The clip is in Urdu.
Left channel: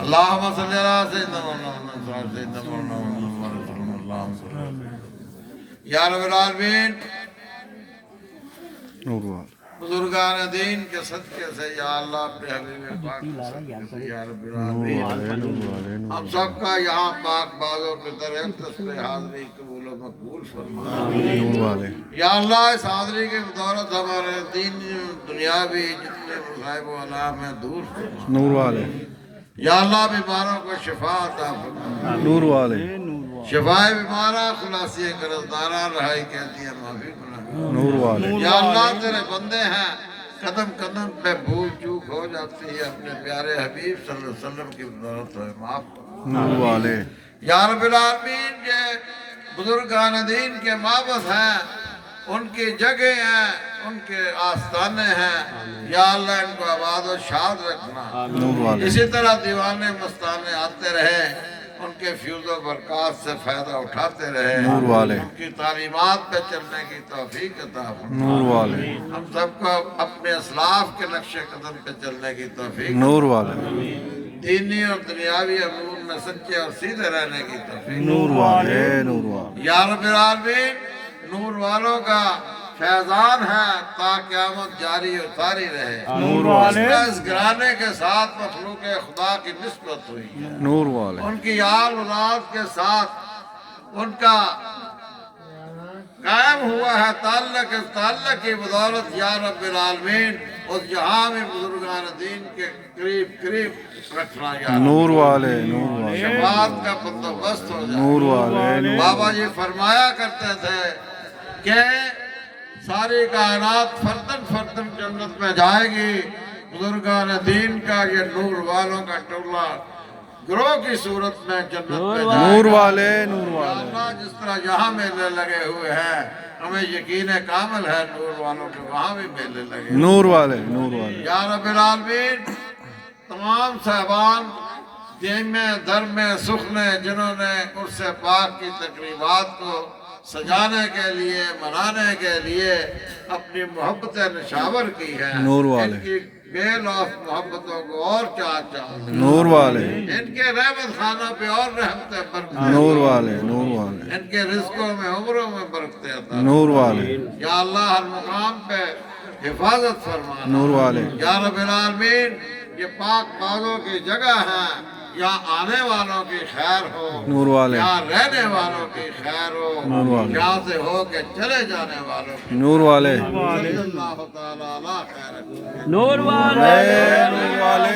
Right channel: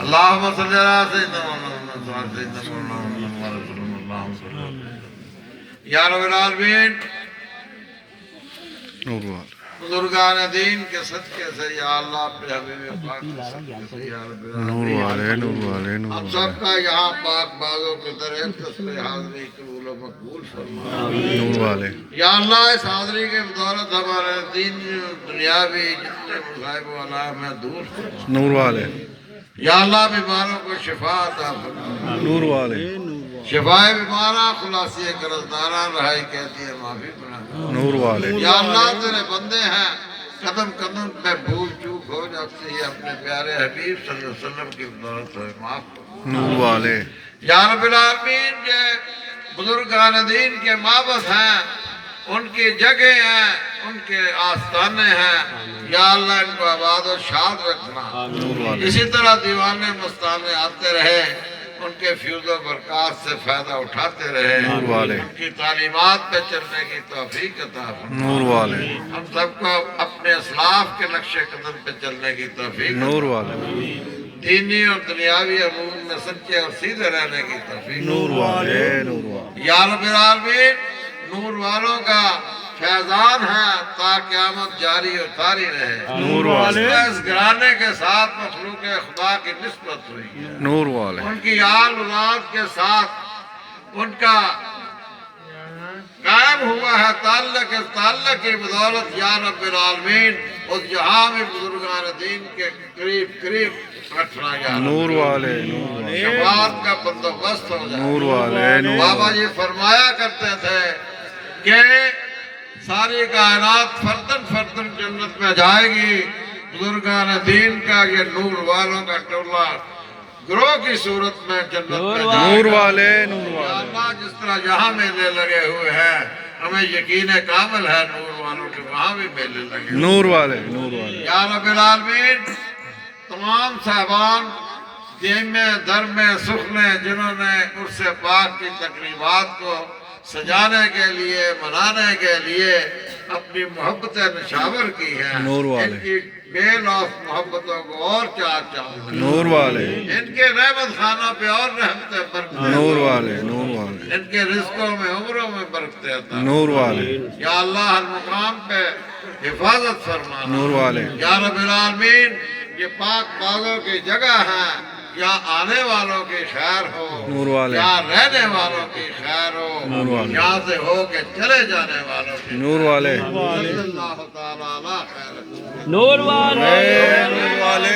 اللهم صل على سيدنا محمد وعلى سيدنا محمد اللهم صل یا رب العالمین بزرگان دین کے صدقے سے یا اللہ اپنے حبیب پاک یا رب العالمین ہم سب کا یہاں پاک بازوں کی طرح تصویر حاضری قبول و مقبول فرما یا اللہ اس حاضری کے بدولت ہمارے دین دنیاوی جتنے مصائب و علام ہیں دور فرما نور والے یا اللہ بیماروں کو شفا عطا فرما نور والے شفائے بیمارہ خلاصی قرضدارہ رہائی کہتی ہے معافی بنا نور والے یا اللہ تیرے بندے ہیں قدم قدم پہ بھول چوک ہو جاتی ہے اپنے پیارے حبیب صلی اللہ علیہ وسلم کی بدولت ہوئے معاف کرو نور والے یا رب العالمین جو بزرگان دین کے مابعث ہیں ان کی جگہ ہیں ان کے آستانے ہیں یا اللہ ان کو آباد و شاد رکھنا اسی طرح دیوانے مستانے آتے رہے ان کے فیوز و برکات سے فائدہ اٹھاتے رہے ان کی تعلیمات پہ چلنے کی توفیق عطا فرما نور والے ہم سب کو اپنے اسلاف کے نقش قدم پہ چلنے کی توفیق نور والے دینی اور دنیاوی امور میں سچے اور سیدھے رہنے کی توفیق نور والے نور والے یا رب العالمین نور والوں کا فیضان ہے تا قیامت جاری و طاری رہے نور والے اس گھرانے کے ساتھ مخلوق خدا کی نسبت ہوئی ہے نور والے ان کی آل اولاد کے ساتھ ان کا قائم ہوا ہے تعلق کی بدولت یا رب العالمین اس جہاں میں بزرگان دین کے قریب رکھنا یا نور والے نور والے شفاعت کا بندوبست ہو جائے نور والے بابا جی فرمایا کرتے تھے کہ ساری کائنات فردن فردن جنت میں جائے گی بزرگان دین کا یہ نور والوں کا ٹولہ گروہ کی صورت میں جنت میں جائے گا نور والے نور یا والے اللہ جس طرح یہاں میلے لگے ہوئے ہیں ہمیں یقین کامل ہے نور والوں کے وہاں بھی میلے لگے نور والے نور والے یا رب العالمین تمام صاحبان دین میں در میں سخنے جنہوں نے عرص پاک کی تقریبات کو سجانے کے لیے منانے کے لیے اپنی محبت نشاور کی ہے نور والے ان کی بے لوث محبتوں کو اور چار نور والے ان کے رحمت خانوں پہ اور رحمتیں برکتیں نور والے نور والے ان کے رزقوں میں عمروں میں برکتیں عطا نور والے یا اللہ ہر مقام پہ حفاظت فرمانا نور والے یا رب العالمین یہ پاک بازوں کی جگہ ہے یا آنے والوں کی خیر ہو نور والے یا رہنے والوں کی خیر ہو نور والے یہاں سے ہو کے چلے جانے والوں کی نور والے صلی اللہ تعالیٰ علیہ خیر نور والے نور والے